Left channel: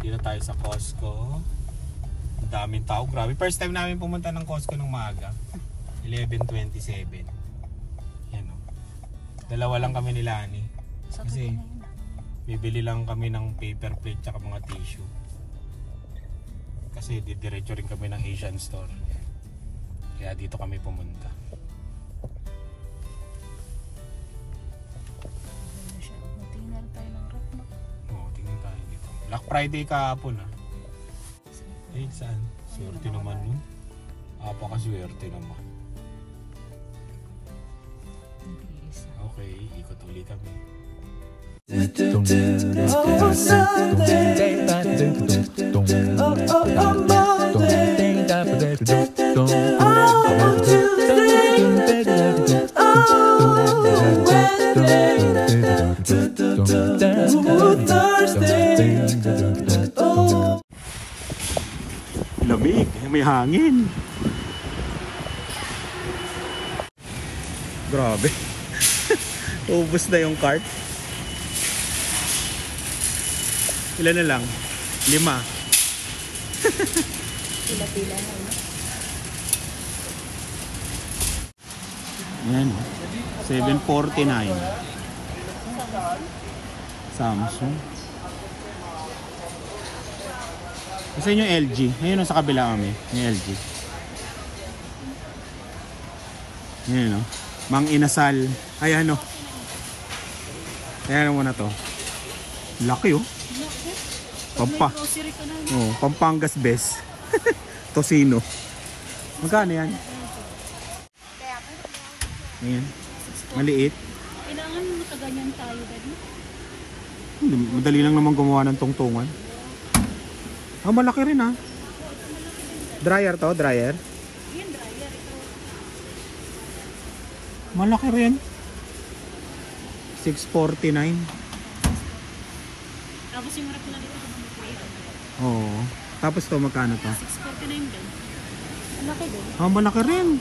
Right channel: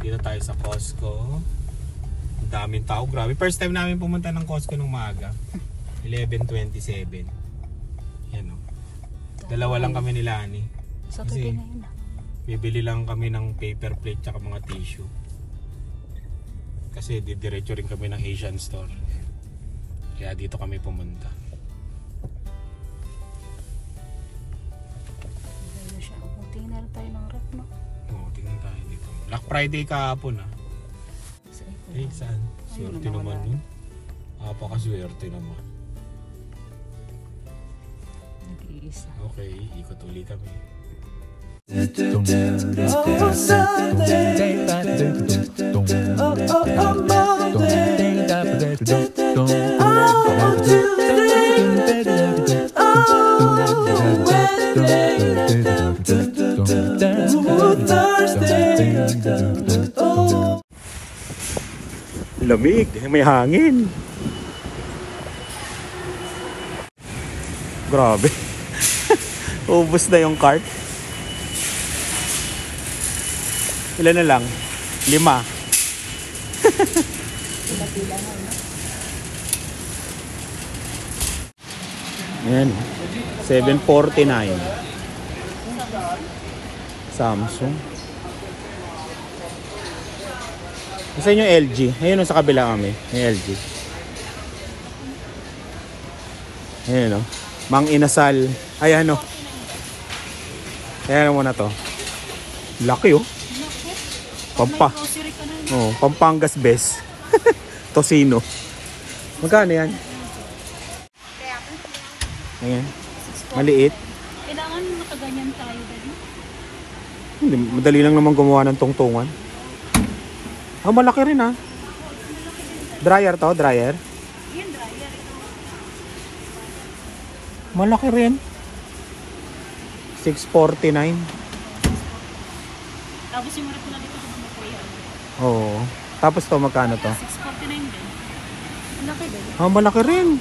Dito tayo sa Costco. Daming tao, grabe. First time namin pumunta ng Costco ng maaga. 11:27. Yan o. Dalawa lang kami ni Lani. Kasi bibili lang kami ng paper plate tsaka mga tissue. Kasi didiretso rin kami ng Asian store. Kaya dito kami pumunta. Tingnan tayo ng rep, no? Oo, tingnan tayo dito. Black Friday kahapon ah. Eh, saan? Swerte naman nun. Apakaswerte naman. Okay, ikot ulit kami. Oh, Sunday. Oh, Monday. Oh, Tuesday. Oh, Wednesday. Oh, Thursday. Oh. Lamig, may hangin. Grabe. Ubus na yung cart. Ilan na lang? 5. Ayan, 749. Samsung. Kasi yung LG. Ayun sa kabila kami. Yung LG. Ayan o. Mang Inasal. Ayan o. Ayan mo na to. Laki o. Pampangas best. Tosino. Magkano yan? Ayan. Maliit. Kailangan mo mataganyan tayo din. Madali lang naman gumawa ng tungtungan. Ah, malaki rin ah. Dryer to, dryer. Malaki rin. 649. Tapos yung rep na ito. Oo. Tapos to, magkano to? 649. Malaki din. Ah, malaki rin.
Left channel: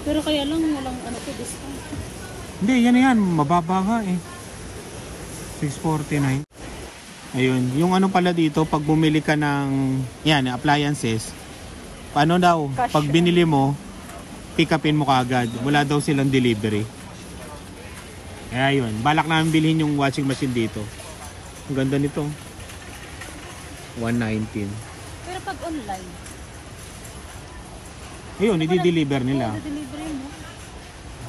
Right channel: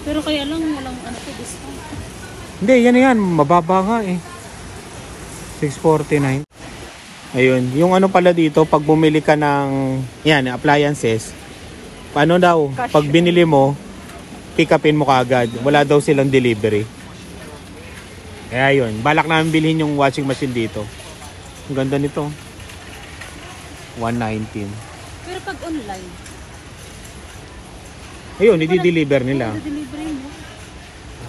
Pero kaya lang walang discount. Hindi, yan. Mababa nga eh. 649. Ayun. Yung ano pala dito, pag bumili ka ng yan, appliances, paano daw? Pag binili mo, pick upin mo kaagad. Wala daw silang delivery. Kaya yun. Balak namin bilhin yung washing machine dito. Ang ganda nito. 119. Pero pag online, ayun, i-deliver nila. delivery mo.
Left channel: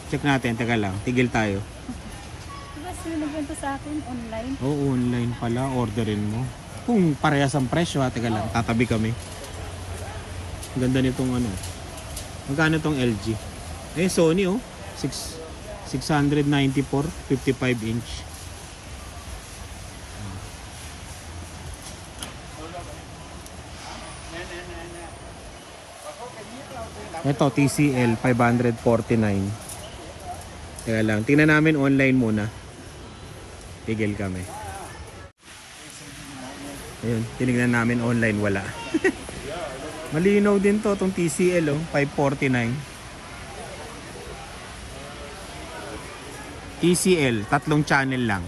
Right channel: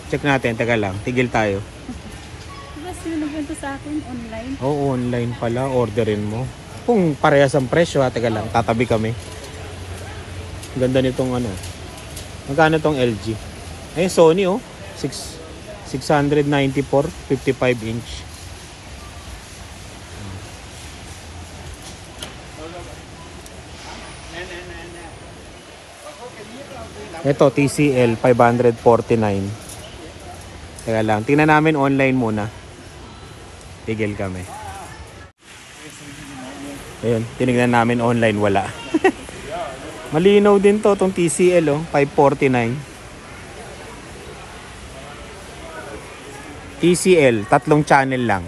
Check natin, taga lang. Tigil tayo. Diba sila nagbenta sa akin online? Oo, online pala. Orderin mo. Kung parehas ang presyo, taga lang. Tatabi kami. Ang ganda nitong ano. Magkano tong LG? Ayun, Sony oh. 694, 55 inch. Ito, TCL 549. Teka lang, tingnan namin online muna. Tigil kami. Ayun, tinignan namin online, wala. Malinaw din to, tong TCL oh, 549. TCL, 3 channel lang.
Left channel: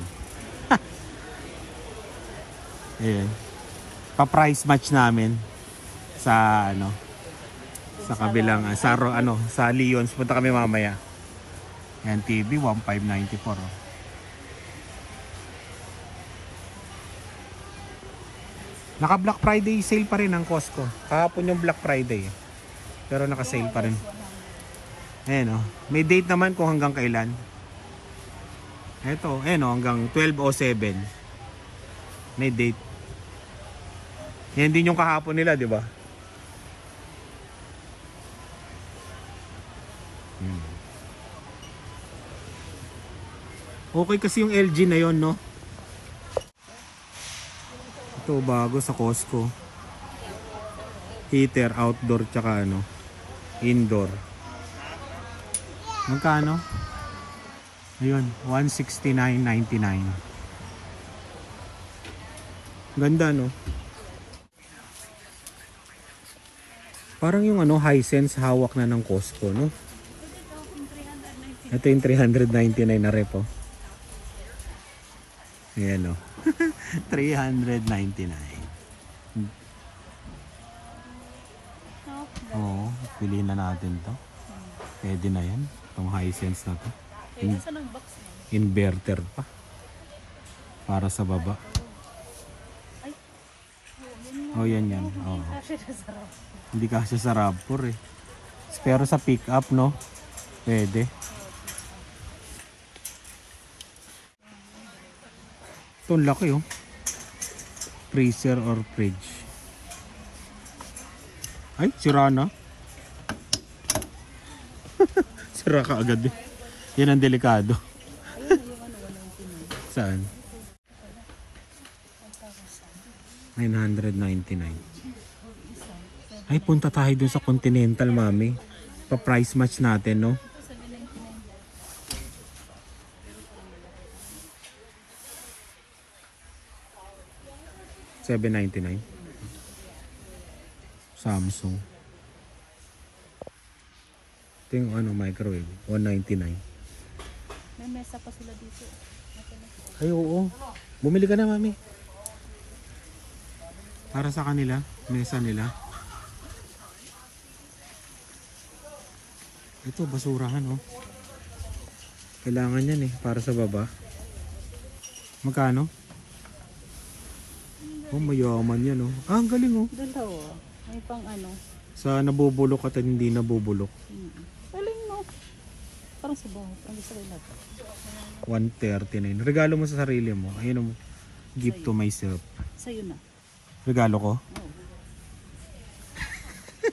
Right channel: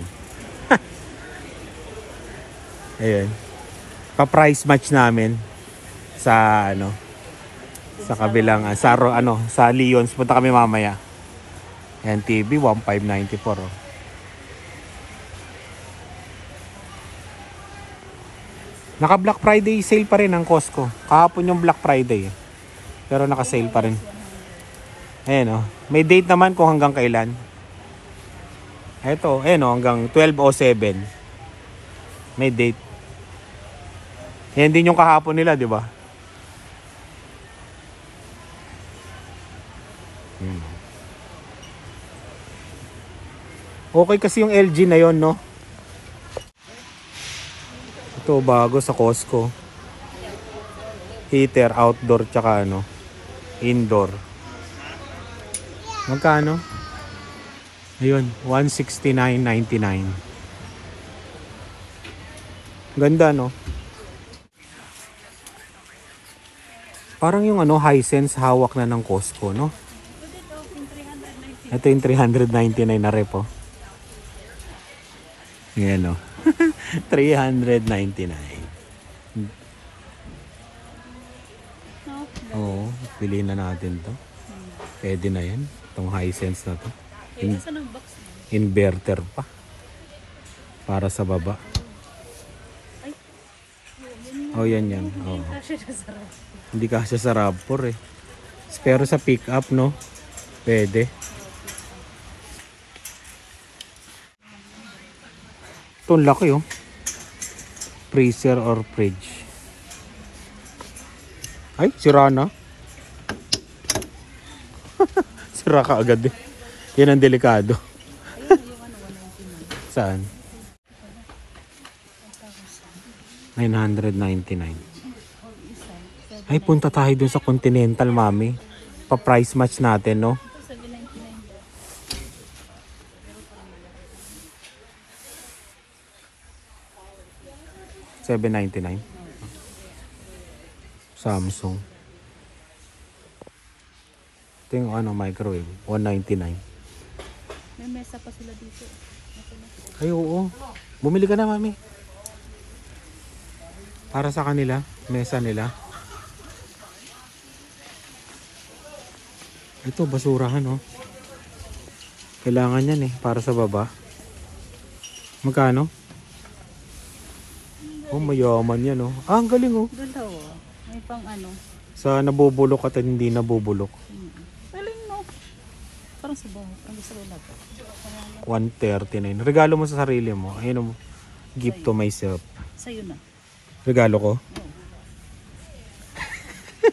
Ayun. Pa-price match namin sa ano, sa kabilang sa Leon's. Punta kami mamaya. Yan, TV 1594 oh. Naka Black Friday sale pa rin ang Costco. Kahapon yung Black Friday pero naka sale pa rin. Ayan oh. May date naman kung hanggang kailan. Ito, ayan oh, hanggang 12:07. May date. Yan din yung kahapon nila, di ba? Okay kasi yung LG na yon, no? Ito bago sa Costco. Heater, outdoor, tsaka ano, indoor. Magkano? Ayun, 169.99. Ganda, no? Parang yung ano, Hisense hawak na ng Costco, no? Ito yung 399 na rep, oh. Ayan o. 399. Oo, piliin na natin to. Pwede na yan. Itong Hisense na to. Isa ng box. Inverter pa. Para sa baba. Oh, yan. Oo. Kasi siya sarap. Hindi kasya sa RAV4 eh. Pero sa pick up, no? Pwede. Ito ang laki oh. Freezer or fridge. Ay, sira na. Sira ka agad eh. Yan ang delikado. Saan? 999. Ay, punta tayo dun sa Continental, mami. Pa-price match natin, no? 799. Samsung. Ito yung microwave. 199. May mesa pa sila dito. Ay, oo. Bumili ka na, mami. Para sa kanila. Mesa nila. Ito, basurahan, oh. Kailangan yan, eh. Para sa baba. Magkano? Oh, mayaman yan, oh. Ah, ang galing, oh. May pang Sa nabubulok at hindi nabubulok. Galing mo. Parang sa baba. 139. Regalo mo sa sarili mo. Ayun, gift to myself. Sa'yo na. Regalo ko?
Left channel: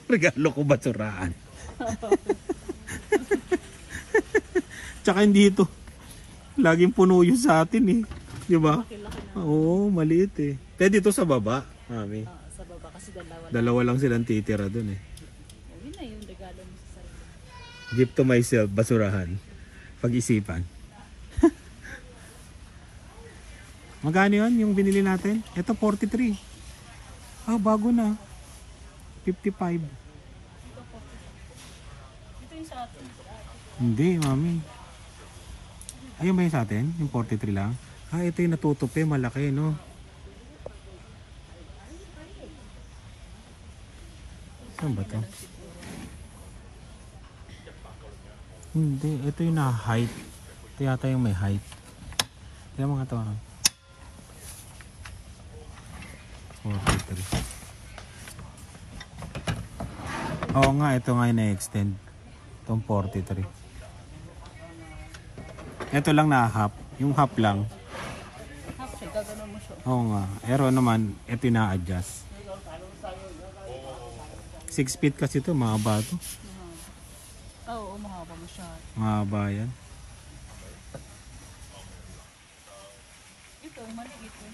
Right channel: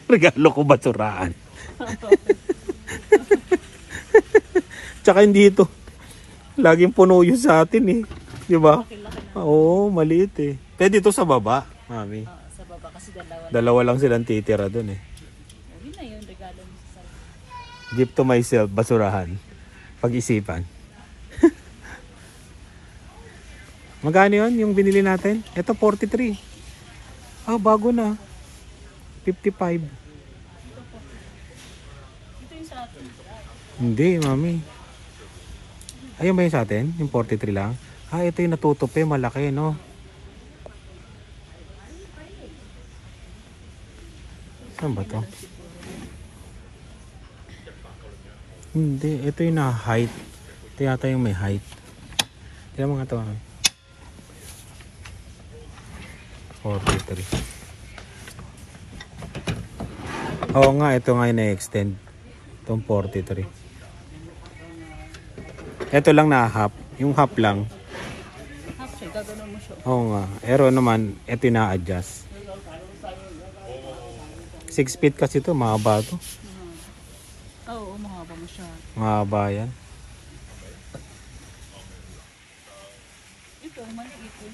Regalo ko basuraan. Tsaka hindi ito. Laging puno yun sa atin eh. Diba? Oo, maliit eh. Pwede ito sa baba, mami. Sa baba kasi dalawa. Dalawa lang silang titira dun eh. Yun na yun, regalo mo sa sa'yo. Gift to myself, basurahan. Pag-isipan. Magkano yun yung binili natin? Ito 43. Ah, bago na. 55. Ito yung sa atin. Hindi, mami. Ayun ba yung sa atin? Yung 43 lang? Ah, ito yung natutupi. Malaki, no? Saan ba to? Hindi. Ito yung na-height. Ito yata yung may height. Tignan mo nga ito. 43. Oo nga, ito nga yung na-extend. Itong 43. Ito lang na half. Yung half lang. Half siya, gagano mo siya. Oo nga. Pero naman, ito yung na-adjust. 6 feet kasi ito. Mahaba ito. Oo, mahaba mo siya. Mahaba yan. Ito, maliit yun.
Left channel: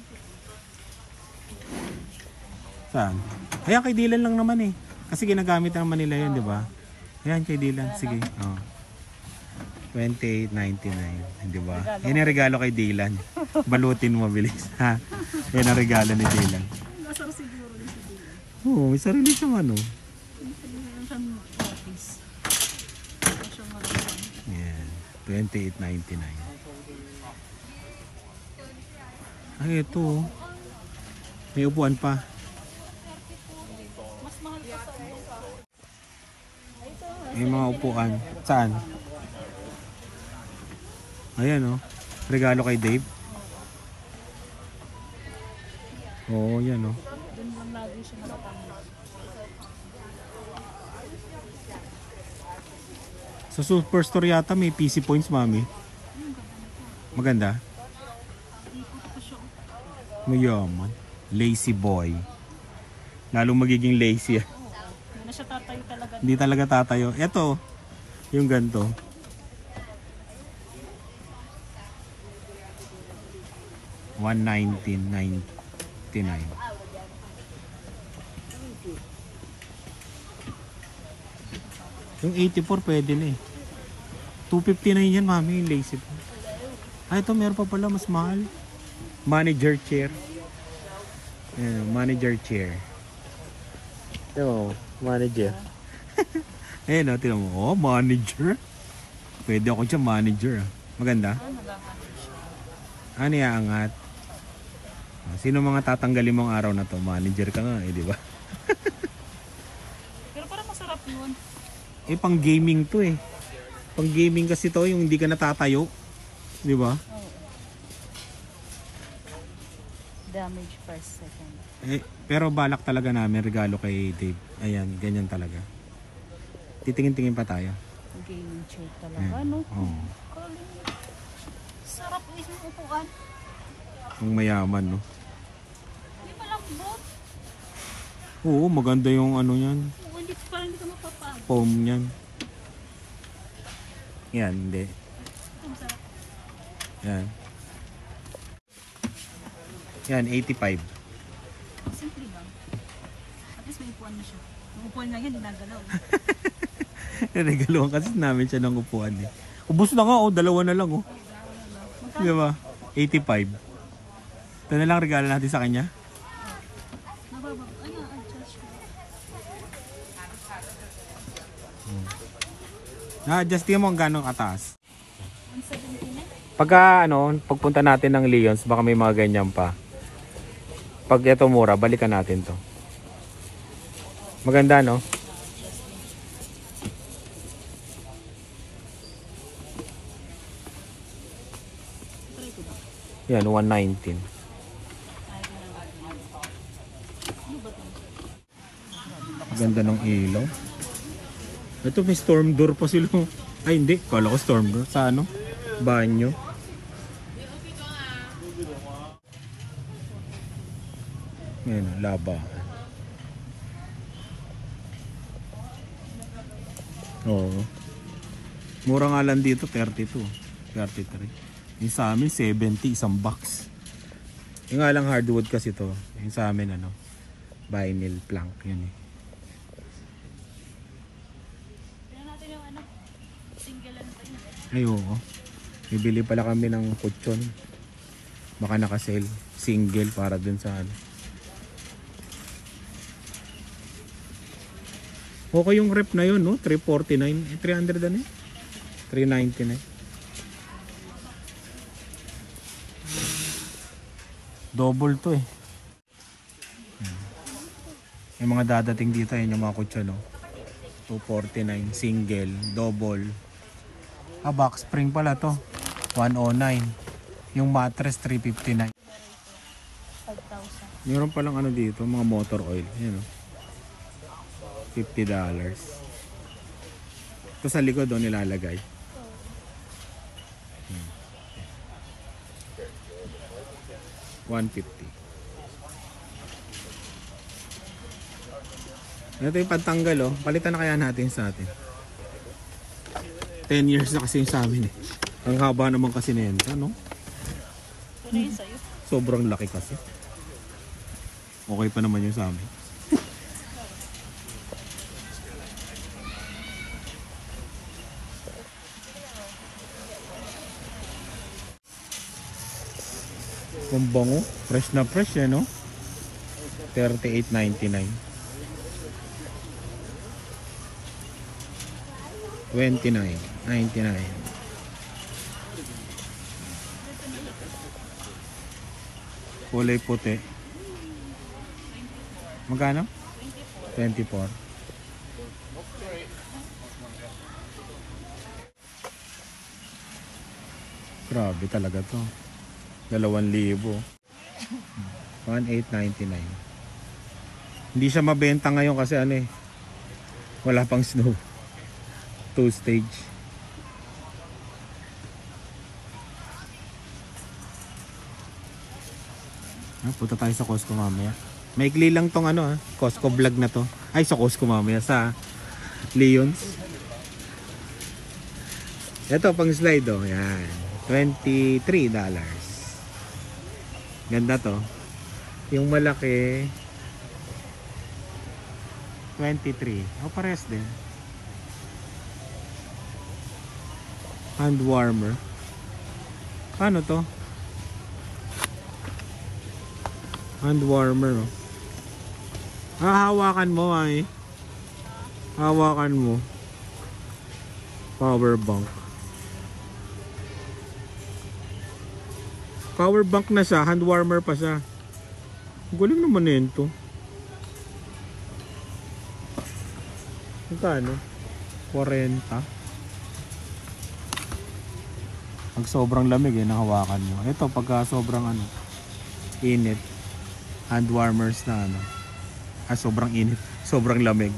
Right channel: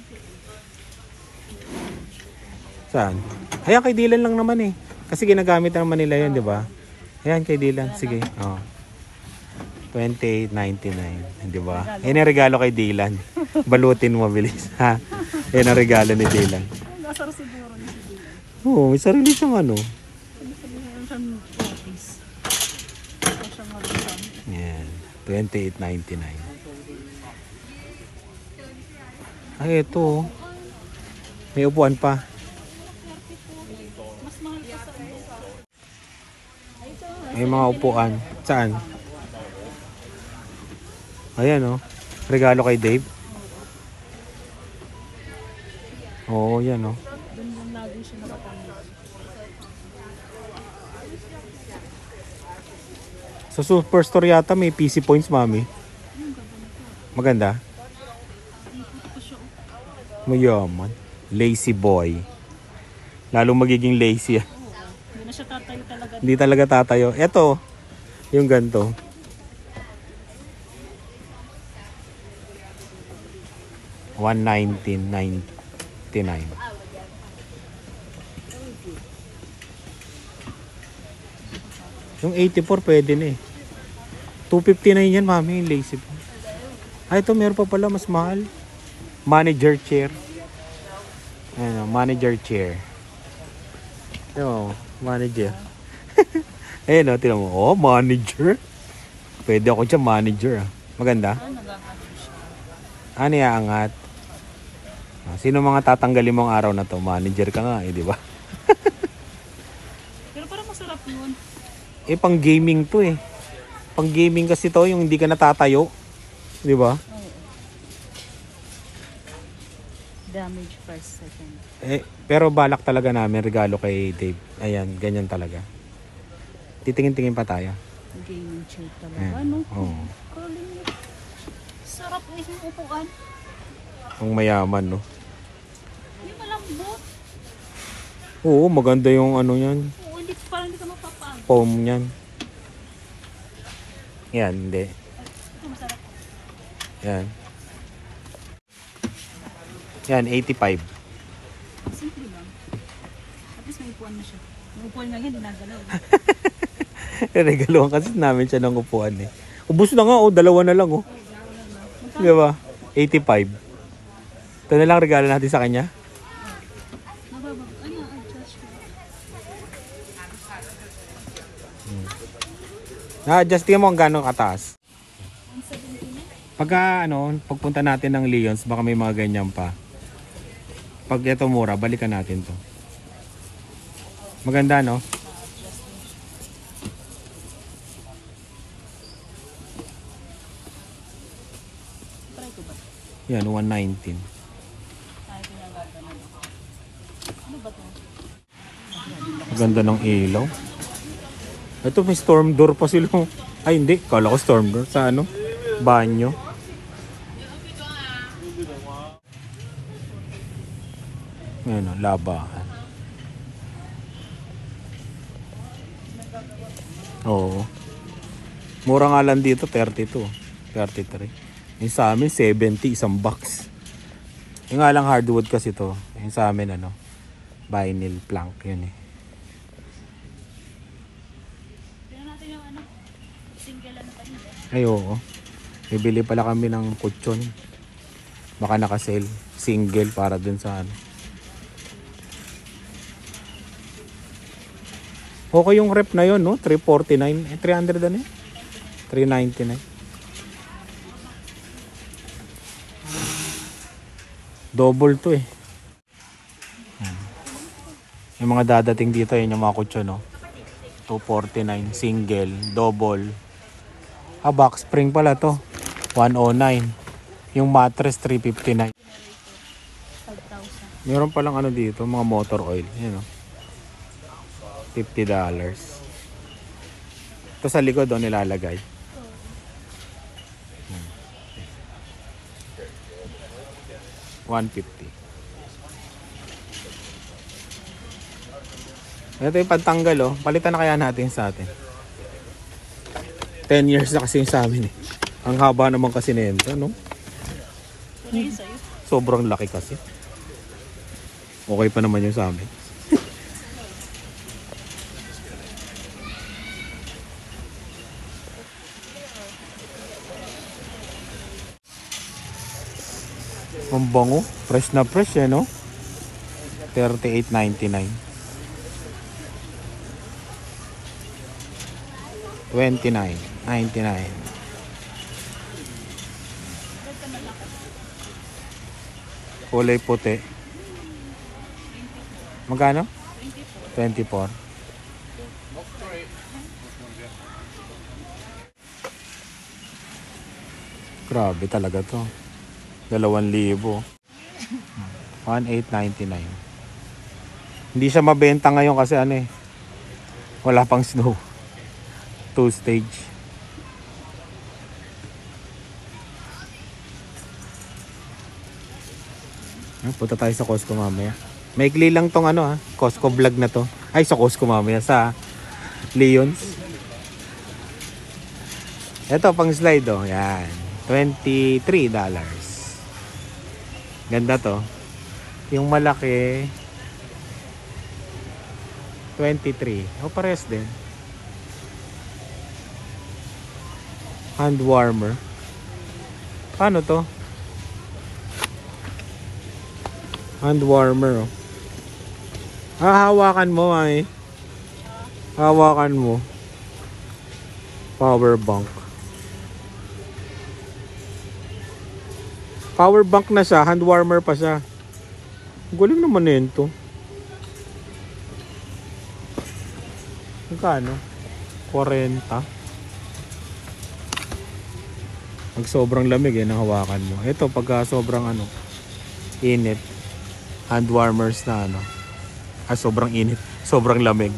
Saan? Ayan, kay Dylan lang naman eh. Kasi ginagamit naman nila yun, di ba? Ayan, kay Dylan. Sige. Oh. 28.99. Di ba? Ayan ang regalo kay Dylan. Balutin mo, bilis. Ha? Ayan ang regalo ni Dylan. Nasa siguro ni si Dylan. Oo, may sarili siyang ano. Meron siyang office. Meron siyang marusan. Ayan. 28.99. Ay, ito. Oh. May upuan pa. May mga upuan. Saan? Ayan oh. Regalo kay Dave. Oo, yan oh. Doon lang lagi siya nakapanood. Sa Superstore yata may PC points, mami. Maganda? Mayaman. Lazy boy. Lalo magiging lazy. Hindi na siya tatayo talaga. Hindi talaga tatayo. Ito, yung ganito. $119.99. Yung 84 pwede na eh. $259 yan, mami, yung lazy boy. Ah, ito meron pa pala mas mahal. Manager chair. Ayan, manager chair. Oh, manager. Ayan o, tinan mo. Oh, manager. Pwede ako dyan, manager. Maganda? Nagkakaroon siya. Ano iaangat? Sino mga tatanggalin mong araw na to? Manager ka nga eh, di ba? Pero parang masarap yun. Eh, pang gaming to eh. Pang gaming kasi to, yung hindi ka natatayo. Di ba? Oo. Damage first second. Eh, pero balak talaga namin regalo kay Dave. Ayan, ganyan talaga. Titingin-tingin pa tayo. Gaming chair talaga. Ayan. Ano? Oo. Sarap mismo upuan. Ang mayaman, no? Yung malambot. Oo, maganda yung ano yan. Oo, hindi parang hindi ka mapapag. Foam yan. Yan, hindi. Ito masarap. Yan. Yan, 85. Simple lang. At least may upuan na siya. Yung upuan nga yan, dinagalaw. Regaluhan kasi namin siya ng upuan eh. Ubus na nga, oh. Dalawa na lang, oh. Di ba? 85. Ito na lang regalo natin sa kanya. Mababa. Ano, adjust ko. Na-adjust mo ang gano'ng kataas. 179? Pagka, pagpunta natin ng Leons, baka may mga ganyan pa. Pag ito mura, balikan natin to. Maganda, no? Try ko ba? Yan, 119. Ano ba ito? Ganda ng ilaw. Ito may storm door pa sila. Ay hindi, kala ko storm door. Sa ano? Banyo. Yan o, labahan. Oo. Mura nga lang dito, 32. 33. Yung sa amin, 70, isang box. Yung nga lang hardwood kasi to. Yung sa amin, vinyl plank yun eh. Tingnan natin yung ano. Single ano pa yun. Ay oo. Bibili pala kami ng kutsyon. Baka naka-sale. Single para dun sa ano. Okay yung rep na yun, no? 349. 300 na eh. 399. Double to eh. Yung mga dadating dito, yun yung mga kutsyon, no? 249. Single. Double. Box spring pala to. 109. Yung mattress 359. 5,000. Meron palang ano dito, mga motor oil. Yan o. $50. Ito sa likod doon nilalagay. Hmm. 150. Ito yung pantanggal oh. Palitan na kaya natin sa atin. 10 years na kasi yung sa amin eh. Ang haba naman kasi nito, no? Ano yun sa'yo? Sobrang laki kasi. Okay pa naman yung sa amin. Ang bango. Fresh na fresh eh, no? 38.99. 29.99. Kulay puti. Magkano? 24. Grabe talaga to. 2,000. 1,899. Hindi siya mabenta ngayon kasi ano eh. Wala pang snow. 2 stage. Punta tayo sa Costco mamaya. Maikli lang tong Costco vlog na to. Ay, sa Costco mamaya. Sa Leons. Ito pang slide oh. Yan. $23. Ganda to. Yung malaki 23. O pares din. Hand warmer. Paano to? Hand warmer oh. Hawakan mo ay. Hawakan mo. Power bank. Power bank na siya, hand warmer pa siya. Galing naman nito. Magkano? 40. Pag sobrang lamig nang hawakan mo. Ito pagka sobrang init. Hand warmers na sobrang init. Sobrang lamig.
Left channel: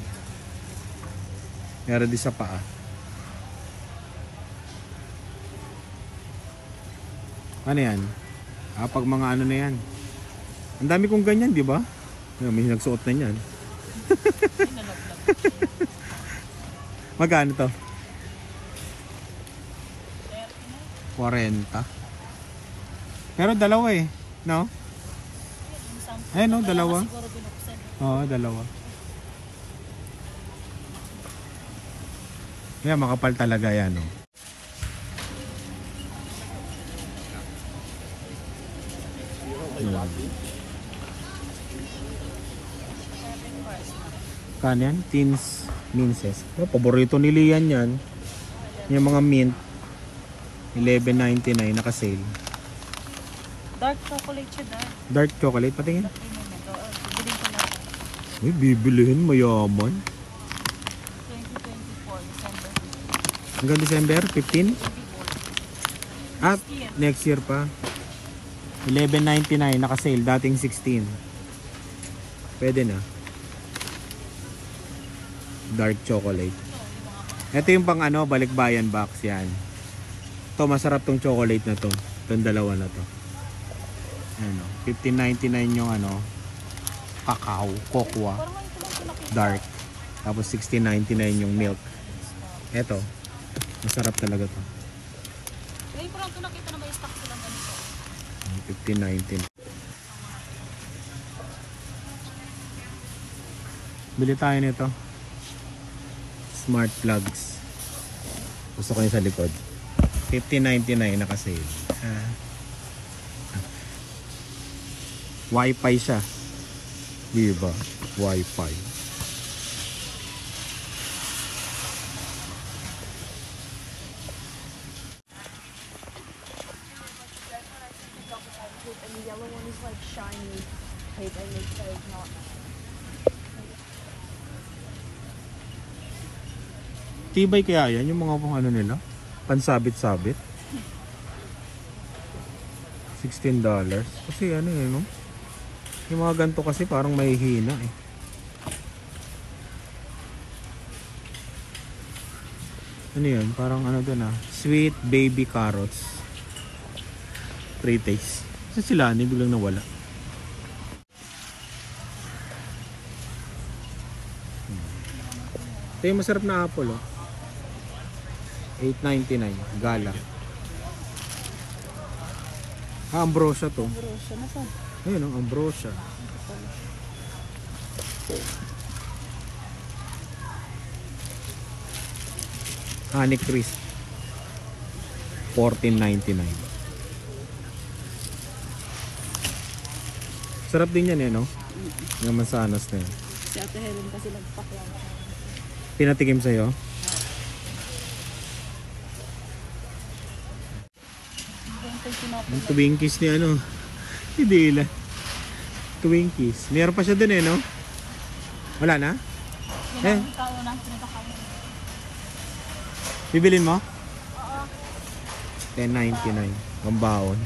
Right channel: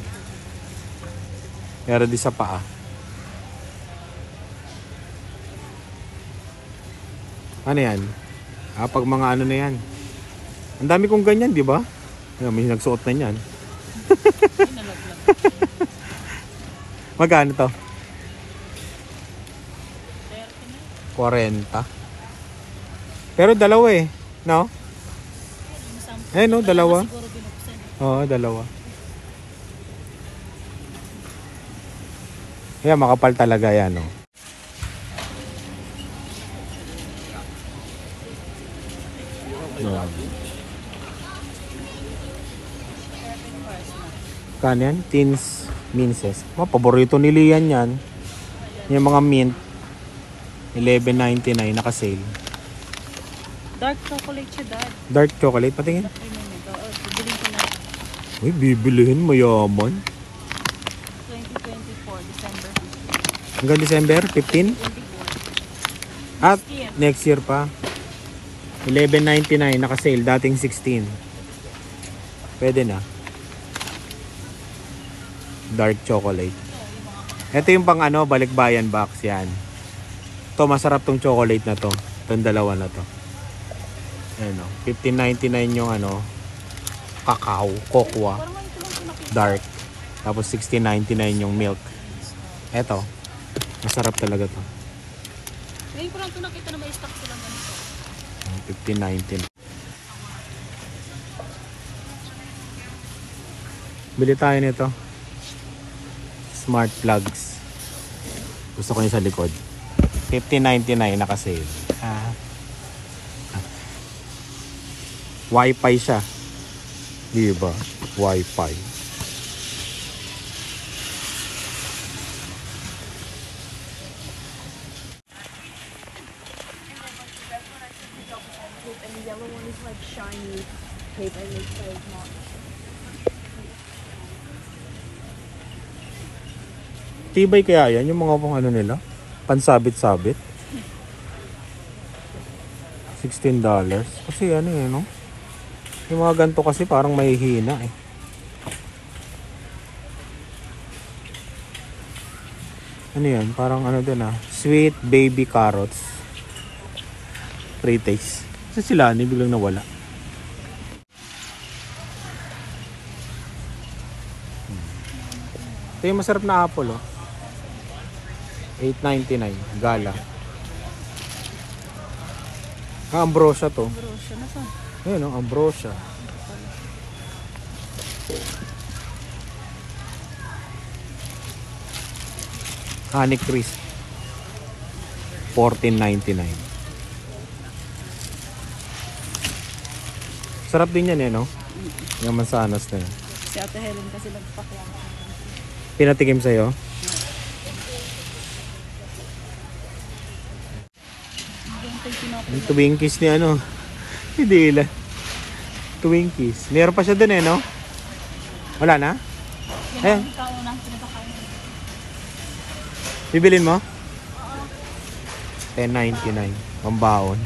Meron din sa paa. Ano yan? Pag mga na yan. Ang dami kong ganyan, di ba? May nagsuot na yan. Magkano to? 40. Pero dalawa no? No, dalawa. Siguro binuksan. Oo, dalawa. Kaya makapal talaga yan, no? Kano yan? Teens Minces. Paborito ni Lian yan. Yung mga mint. $11.99 naka-sale. Dark chocolate siya, Dad. Dark chocolate, patingin. Bibilin ko na. Uy, bibilihin, mayaman. 2024, December. Hanggang December 15? At next year pa. $11.99 naka-sale, dating 16. Pwede na. Dark chocolate. Ito yung pang balikbayan box yan. Ito masarap tong chocolate na to. Itong dalawa na to. Ayan o. $15.99 yung cacao, cocoa, dark. Tapos $16.99 yung milk. Ito. Masarap talaga to. Ngayon ko lang ito nakita na may stock silang ganito. $15.99. Bili tayo nito. Smart plugs. Gusto ko yung sa likod. $15.99 naka-sale. Wi-Fi siya. Diba? Wi-Fi. Tibay kaya yan? Yung mga pang nila? Pansabit-sabit? $16. Kasi no? Yung mga ganito kasi parang mahihina Ano yan? Parang din sweet baby carrots. Pre-taste. Kasi sila biglang nawala. Ito yung masarap na apple $8.99 gala. Ambrosia to. Ayun ambrosia. Honey crisp $14.99. Sarap din yan no? Yung mansanas na yan. Si Ate Helen kasi nagpatikim. Pinatikim sa'yo? Yung Twinkies ni hindi lang. Twinkies. Meron pa siya dun no? Wala na? Bibilin mo? $10.99. Pambaon.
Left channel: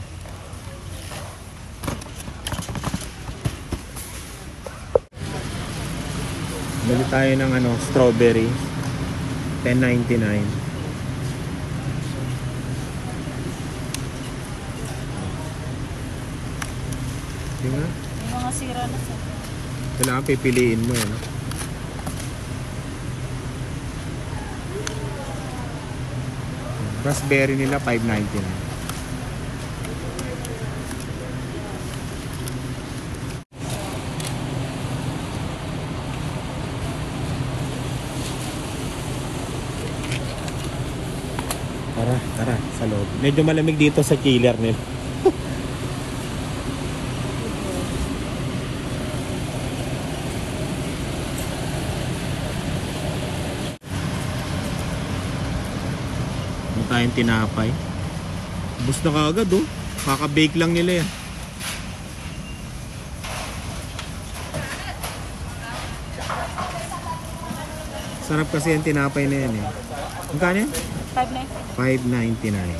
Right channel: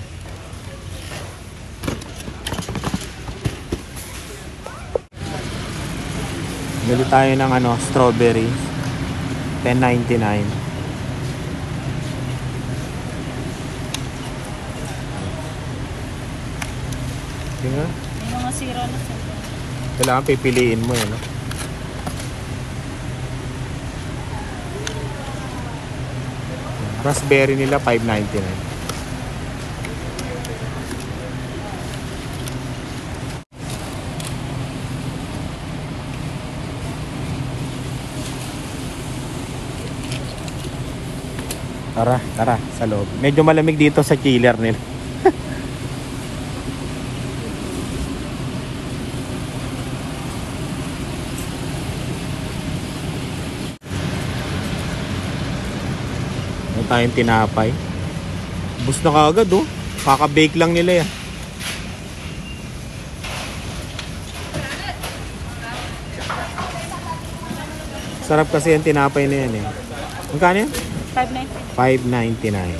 Bili tayo ng strawberry. $10.99. Tingnan. Yung mga sira na sa Kailangan pipiliin mo Raspberry nila $5.99. Tara sa loob. Medyo malamig dito sa chiller nila. Tayong tinapay. Bus na kaagad Kaka-bake lang nila yan. Sarap kasi yung tinapay na yan eh. Magkano yan? 5.9. $5.99.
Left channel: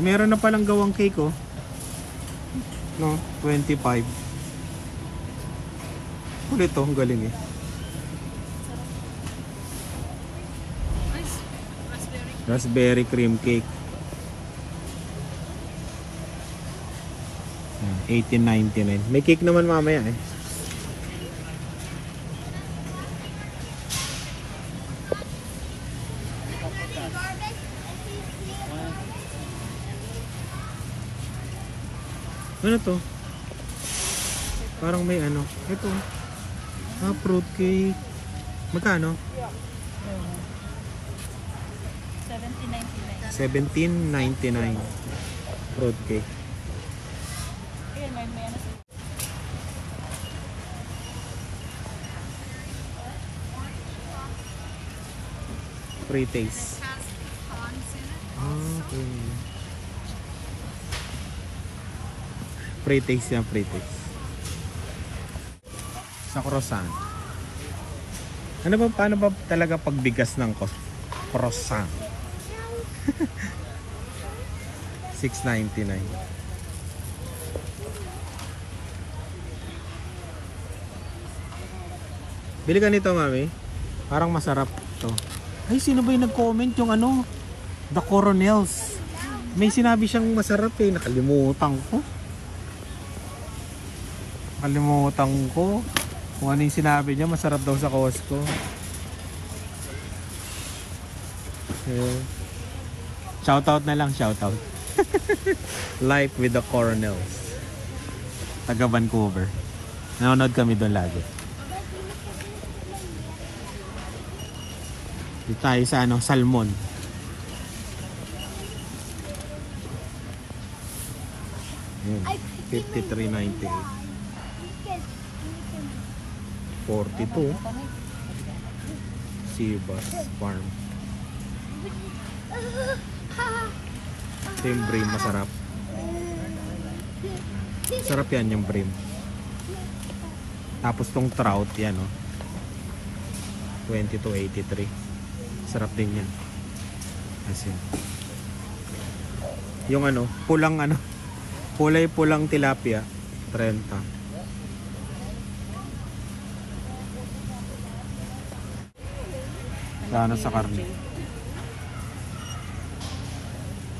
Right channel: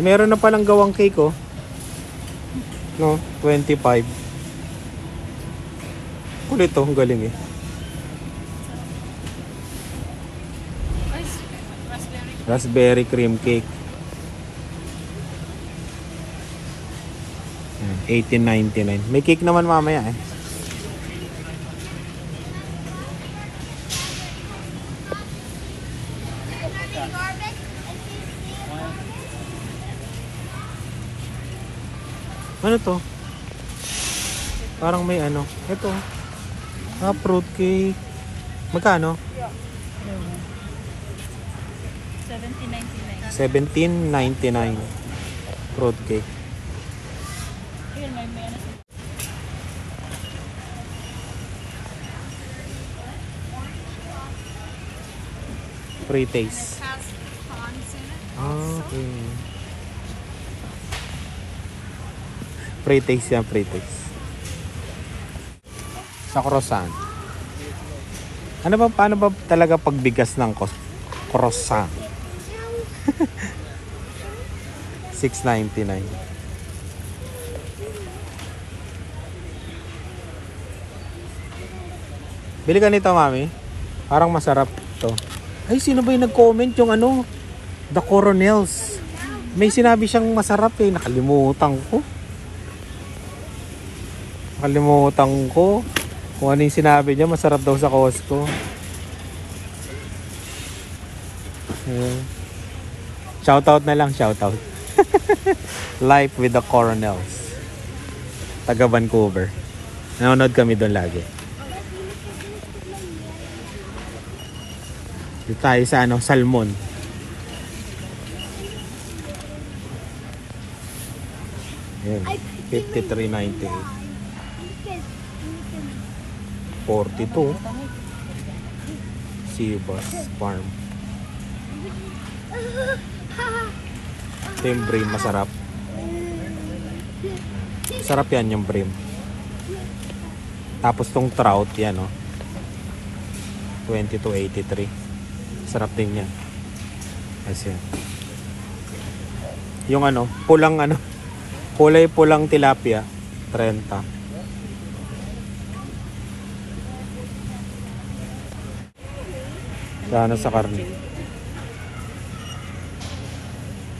Meron na palang gawang cake oh. No, 25. Kulit oh, ang galing eh. Raspberry cream cake. $18.99. May cake naman mamaya eh. Ano to? Parang may ano. Ito. Fruit cake. Magkano? $17.99. Fruit cake. Free taste. Okay. Free taste yan, free taste. Sa croissant. Ano ba, paano ba talaga pagbigas ng croissant? $6.99. Bili ka nito, mami. Parang masarap to. Ay, sino ba yung nag-comment yung ano? The Coronels. May sinabi siyang masarap eh. Nakalimutan ko. Kung ano yung sinabi niya, masarap daw sa Costco. Shoutout na lang, shoutout. Life with the Coronels. Taga Vancouver. Nanonood kami doon lagi. Dito tayo sa ano, salmon. Ayan, $53.98. 42 Seabass Farm. Ito yung bream, masarap. Sarap yan yung bream. Tapos tong trout yan oh. $22.83. Sarap din yan. Kasi yan. Yung ano, pulang ano, kulay pulang tilapia, 30. Sana sa karne.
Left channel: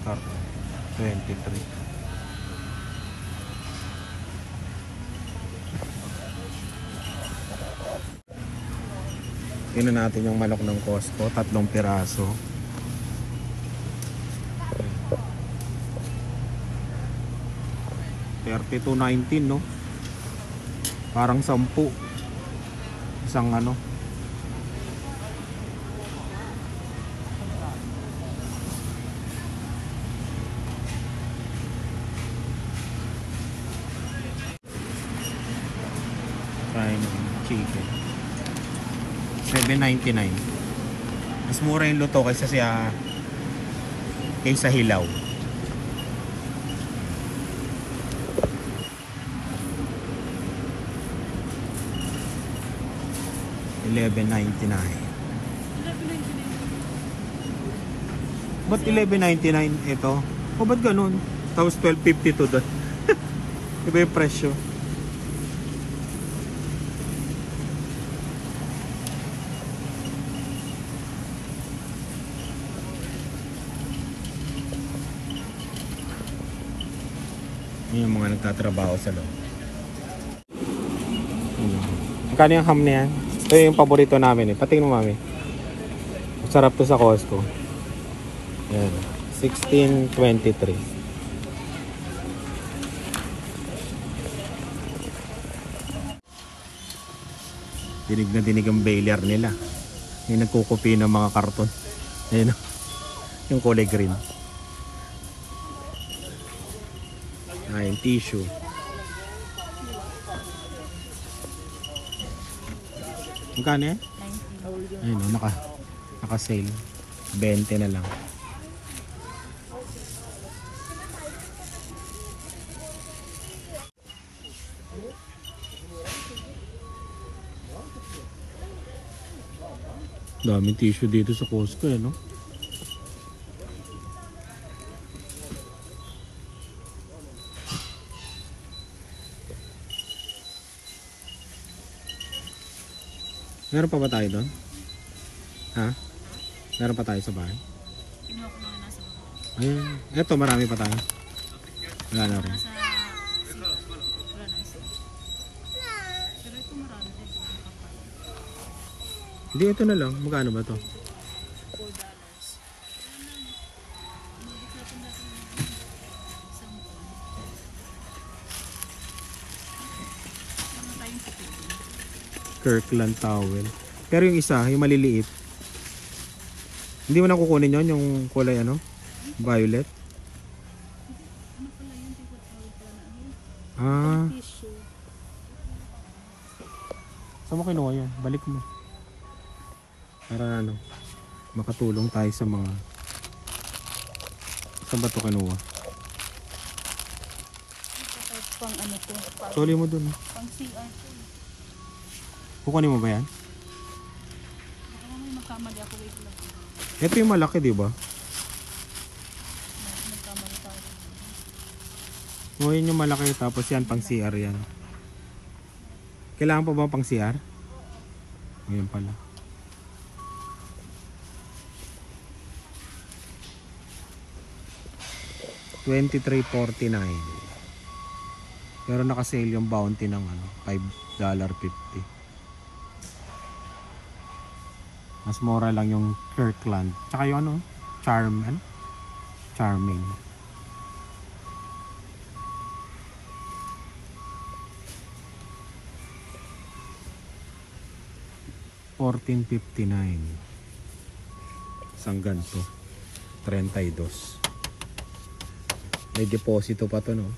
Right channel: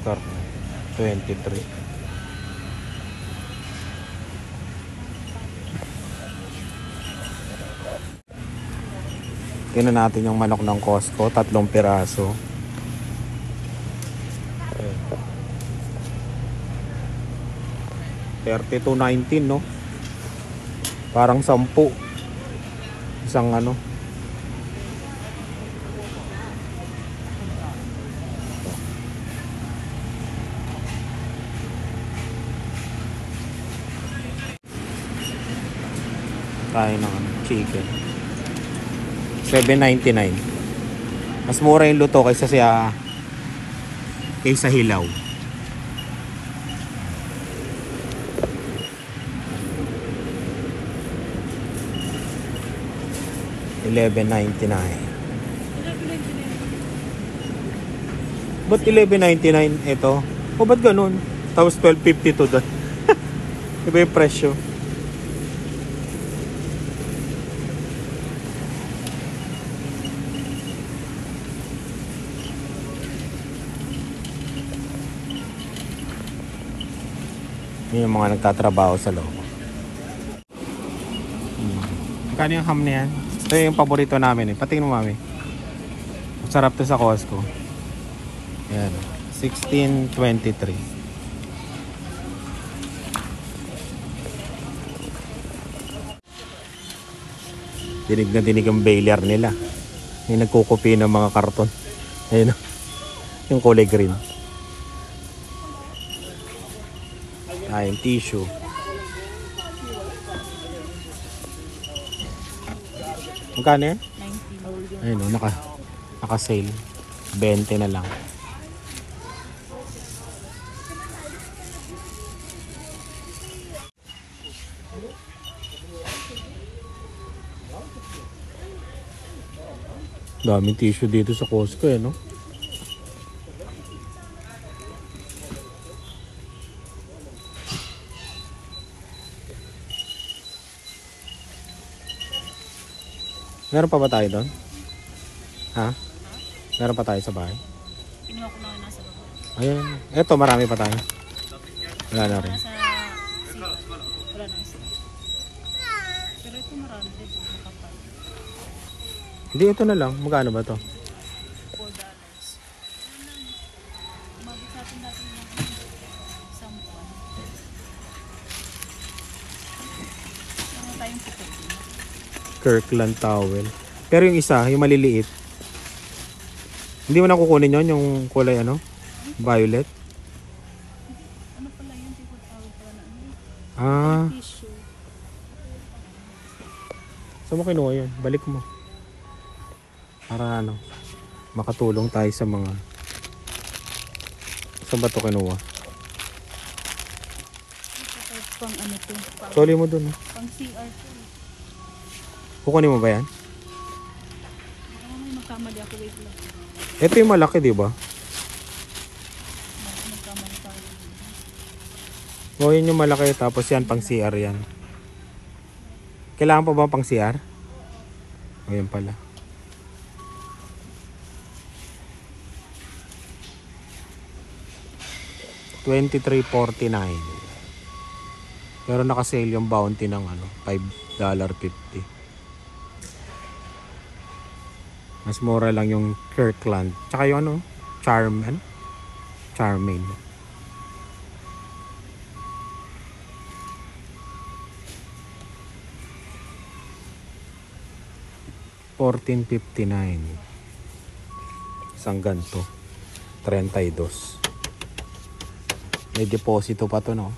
Karne. 23. Tingnan natin yung manok ng Costco. 3 piraso. $32.19 no? Parang 10. Isang ano. Tayo ng chicken. $7.99. Mas mura yung luto kaysa hilaw. $11.99. Ba't $11.99 ito? O ba't ganun? Tapos $12.52 doon. Iba yung presyo. Yun yung mga nagtatrabaho sa loob. Magkano yung ham na yan? Ito yung paborito namin eh. Patingin mo mami. Masarap to sa Costco. Yan. $16.23. Dinig na dinig ang bailer nila. Yung nagkukupi ng mga karton. Ayun o. Yung kulay green. Yung tissue. Magkano yan? 90. Ayun o, naka-sale. 20 na lang. Daming tissue dito sa Costco eh, no? Meron pa ba tayo doon? Ha? Meron pa tayo sa bahay? Kinuha ko na yung nasa baba. Ayan. Eto, marami pa tayo. Wala na rin. Nasa CR. Wala na yung CR. Pero ito marami din. Kapal. Hindi, ito na lang. Magkano ba to? $4. Umabot sa atin natin ng isang buwan. Meron tayong puti din. Kirkland towel. Pero yung isa, yung maliliit. Hindi mo na kukunin yon yung kulay ano? Violet. Ano pala yun? Hindi ko tawag pala na ano. Ah, Tissue. saan mo kinuha yun? Balik mo. Para ano, makatulong tayo sa mga... Saan ba ito kinuha? Ito pang ano to. Tuli mo dun. Pang CR to. Kukunin mo ba yan? Baka may magkamali ako. Wait lang. Ito yung malaki, di ba? Magkamali tayo. O, yun yung malaki. Tapos yan, pang CR yan. Kailangan pa ba pang CR? O, yan pala. $23.49. Pero naka-sale yung bounty ng ano, $5.50. Mas mura lang yung Kirkland. Tsaka yung ano, Charmaine. $14.59. Isang ganto. 32. May deposito pa to, no?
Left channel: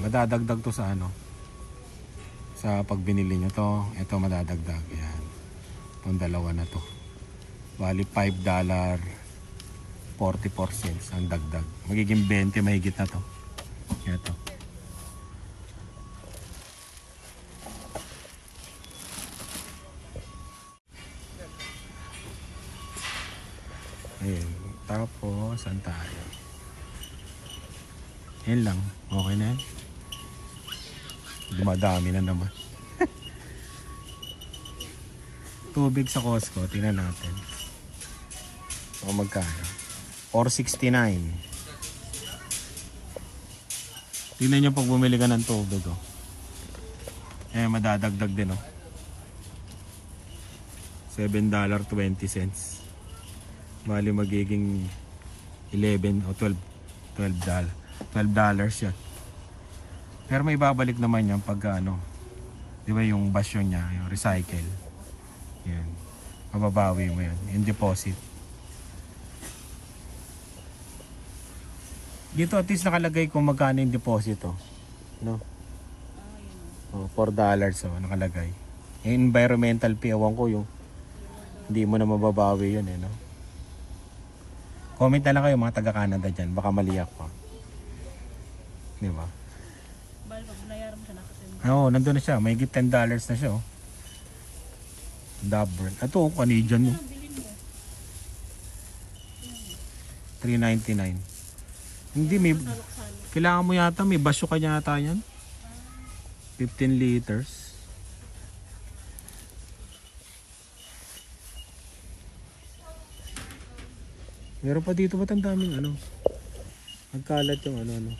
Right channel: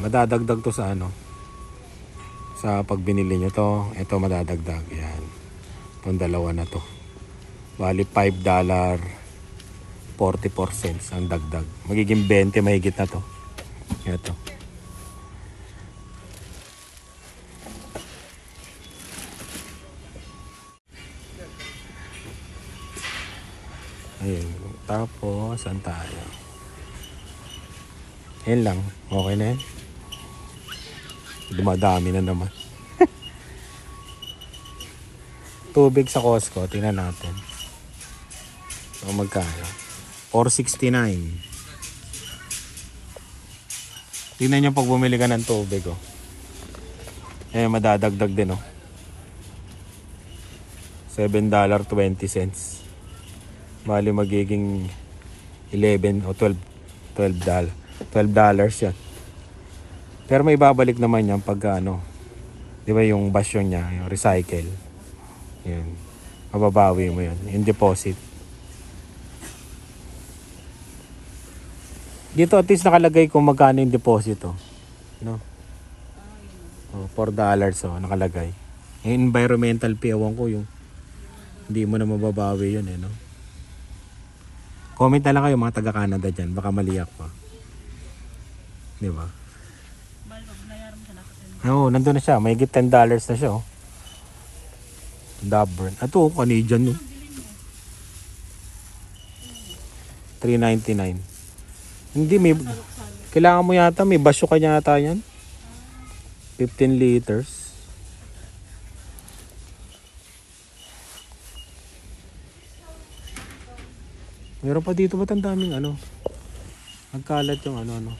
Madadagdag to sa ano, sa pag binili nyo to. Ito madadagdag yan, itong dalawa na to. Bali $5.44 ang dagdag. Magiging 20 mahigit na to. Ito. Ayun. Tapos saan tayo? Yan lang. Okay na yan. Dumadami na naman. Tubig sa Costco. Tingnan natin. So, magkano? $4.69. Tingnan nyo pag bumili ka ng tubig. Oh. Eh, madadagdag din. Oh. $7.20. Bali magiging 11 o $12 yan. Pero may babalik naman yan pag ano, di ba yung basyo niya, yung recycle. Yan. Mababawi mo yan, yung deposit. Dito at least nakalagay kung magkano yung deposit. Oh. No? $4 nakalagay. Yung environmental fee, ewan ko yung hindi mo na mababawi yun. No? Comment na lang kayo mga taga-Canada dyan, baka maliyak pa. Di ba? Bali, pag binayaran mo siya nakasin. Oo, nandun na siya. May higit $10 na siya. Oh. Dabburn. Ito, Canadian. No? $3.99. Hindi, may... Kailangan mo yata, may basyo ka yata yan. 15 liters. Meron pa dito, ba't ang daming ano? Nagkalat yung ano.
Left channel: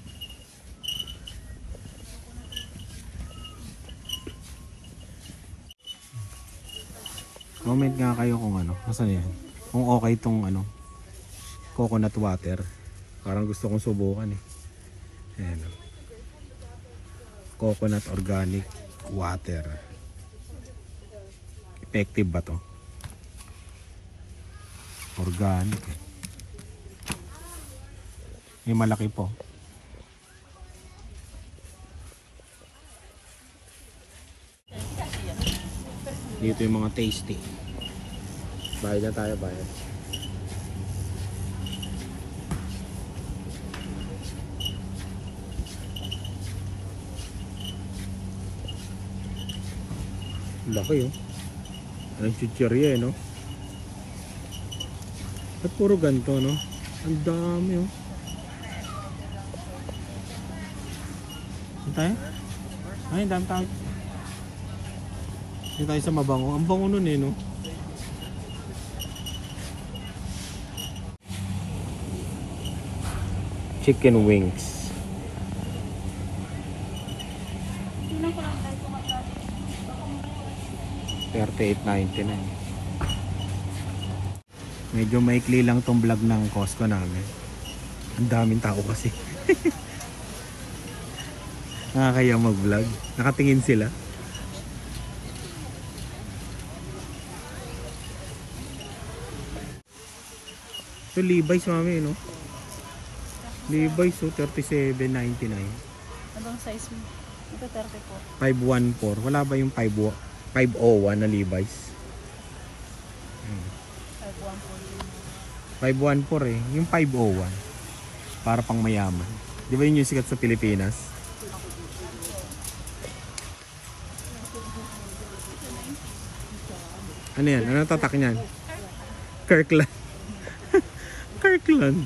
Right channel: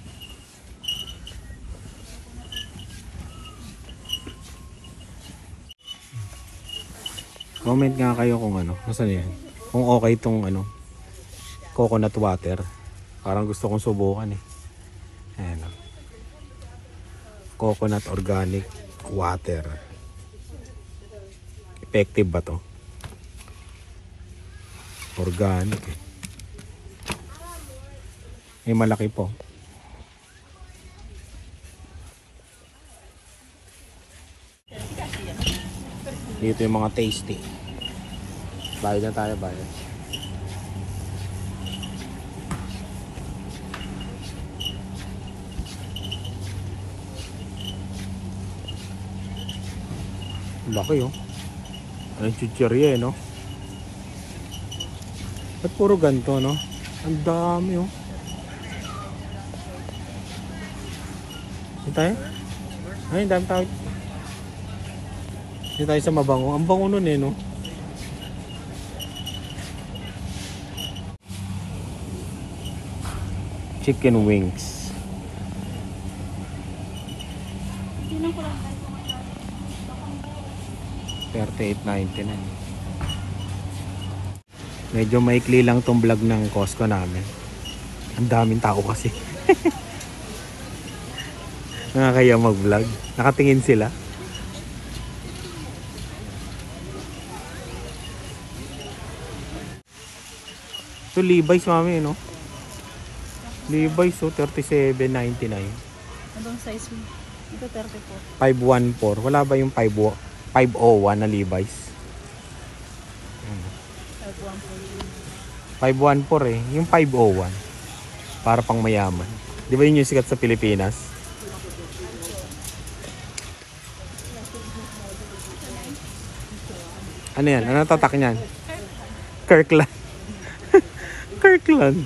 Comment nga kayo kung ano, nasaan yan? Kung okay itong ano, coconut water. Parang gusto kong subukan eh. Ayan o. Coconut organic water. Effective ba to? Organic eh. May malaki po. Dito yung mga tasty. Bayad na tayo, bayad. Laki oh. Anong chichirya no? Ba't puro ganito no? Ang dami oh. Dito tayo? Ay, ang dami tao. Dito tayo sa mabango. Ang bango nun eh no? Chicken wings. Tingnan ko lang tayo kung magkano. 38.99. Medyo maikli lang tong vlog ng Costco namin. Ang daming tao kasi. Nakakaya mag-vlog. Nakatingin sila. Ito Levi's mami no? Levi's so 37.99. Anong size mo? Ito 34. 514. Wala ba yung 501 na Levi's? 514 eh. Yung 501. Para pang mayaman. Di ba yun yung sikat sa Pilipinas? Ano yan? Ano tatak niyan? Kirkland. Kirkland.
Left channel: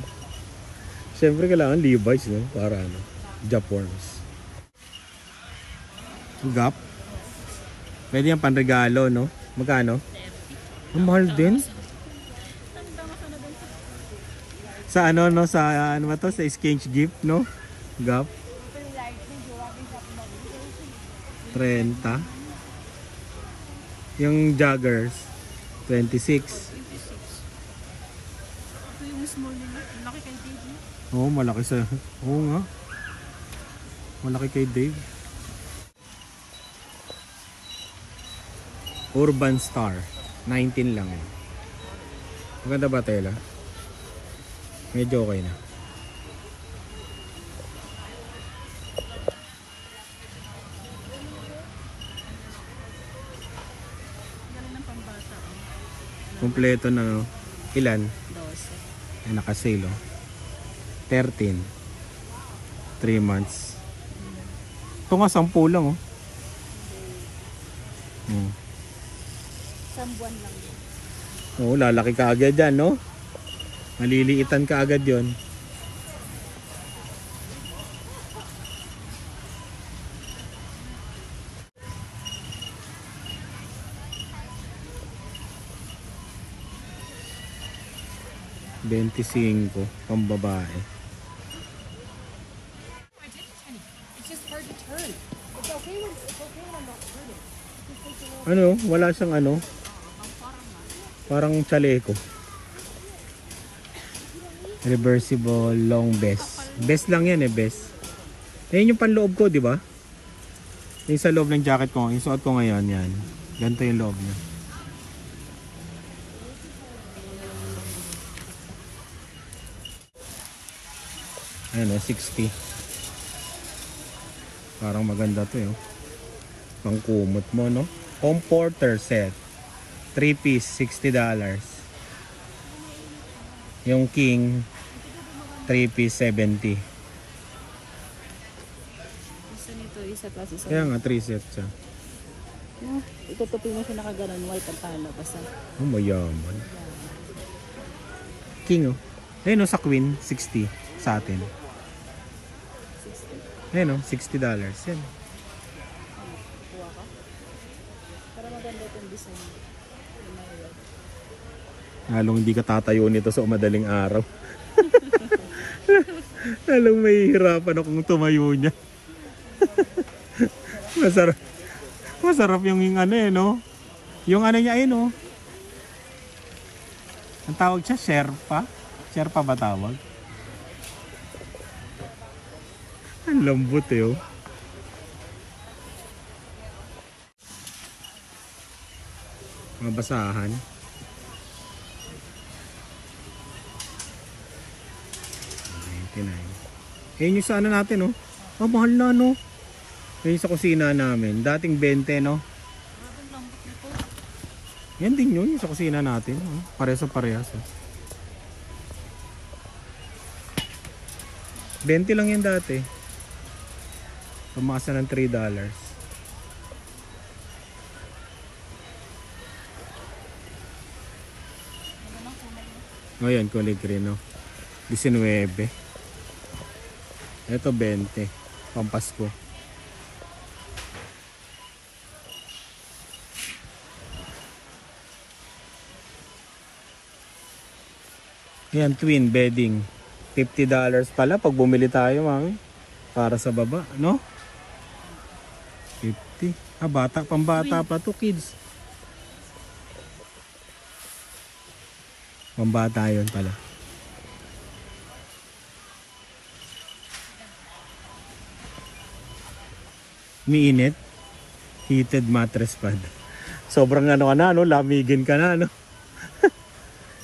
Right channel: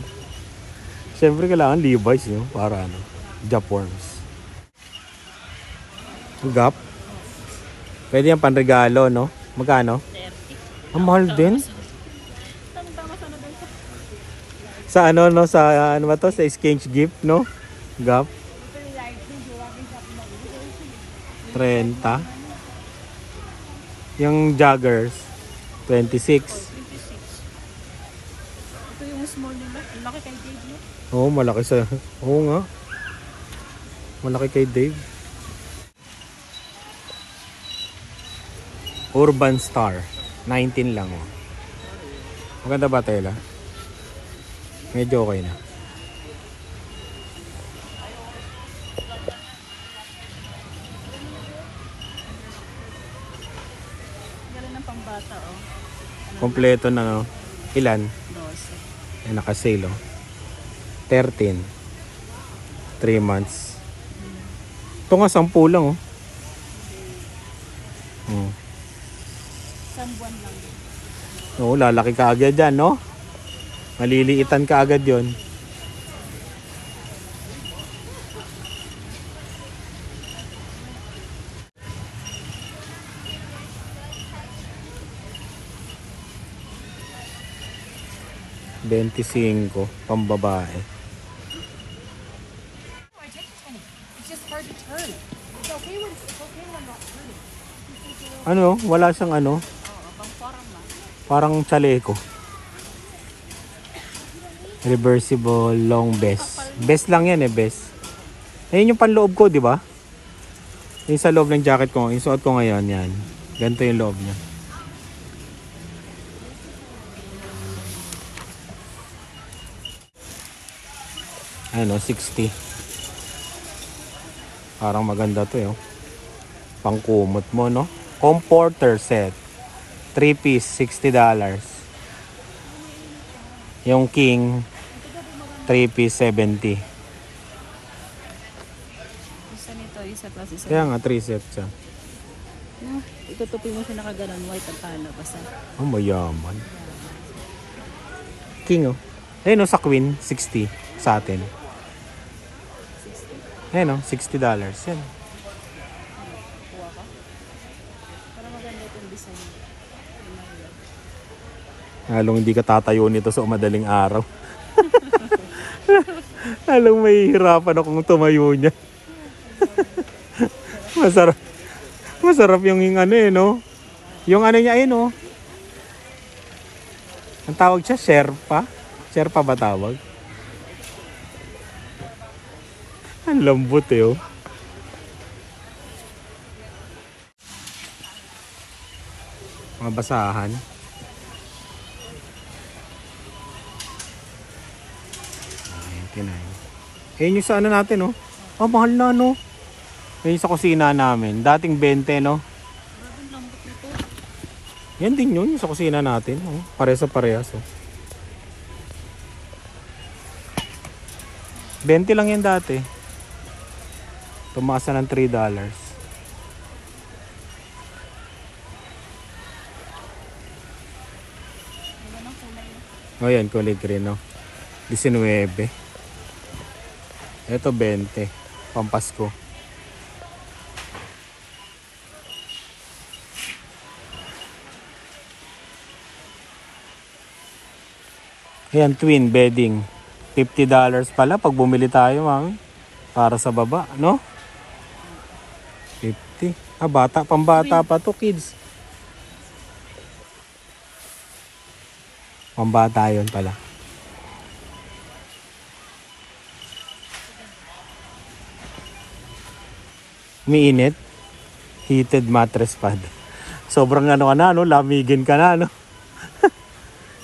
Siyempre kailangan Levi's no? Para ano? Japworms. Gap. Pwede yan panregalo no? Magkano? 30. Ang mahal din. Sa ano no? Sa ano ba to? Sa exchange gift no? Gap. 30. Yung joggers 26. Ito yung small nila. Laki kay Dave no? Oo, malaki sa... Oo nga. Malaki kay Dave. Urban Star. 19 lang oh. Maganda ba tela? Medyo okay na. Galing ng pambata oh. Kompleto na oh. Ilan? Ay, naka-sale oh. 13. 3 months. Ito nga 10 lang oh. Oo, lalaki ka agad yan, no? Maliliitan ka agad yun. $25 pambabae. Ano? Wala siyang ano? Parang chaleco. Reversible long vest. Vest lang yan eh, vest. Ayun yung panloob ko, di ba? Yung sa loob ng jacket ko, yung suot ko ngayon, yan. Ganito yung loob niya. Ano, 60. Parang maganda to eh. Oh. Pangkumot mo, no? Comforter set. 3 piece, $60. Yung king, 3 piece, 70. Isa nito, isa plus isa. Kaya nga, 3 set siya. Itutupin mo siya nakaganon mo itapal na isa. Oh, mayaman. King, oh. Ayun, oh, sa queen, 60 sa atin. Ayun, oh, $60. Yan. Halong hindi ka tatayo nito sa madaling araw. Halong mahihirapan akong tumayo niya. Masarap. Masarap yung ano eh, no? Yung ano niya eh, no? Ang tawag siya, Sherpa. Sherpa ba tawag? Ang lambot eh, oh. Mga basahan. 99. Ayun yung sa ano natin, oh. Ah, mahal na, no? Ayun sa kusina namin. Dating 20, no? Yan din yun, yung sa kusina natin. Oh. Parehas sa parehas, oh. 20 lang yan dati. Tumaas na ng $3. O yan, kulay green, no? 19. Ito 20. Pampasko. Ayan, twin bedding. $50 pala pag bumili tayo, mami. Para sa baba, no? 50. Ah, bata. Pambata pa to, kids. Pambata yun pala. Umiinit. Heated mattress pad. Sobrang ano ka na, no? Lamigin ka na, no?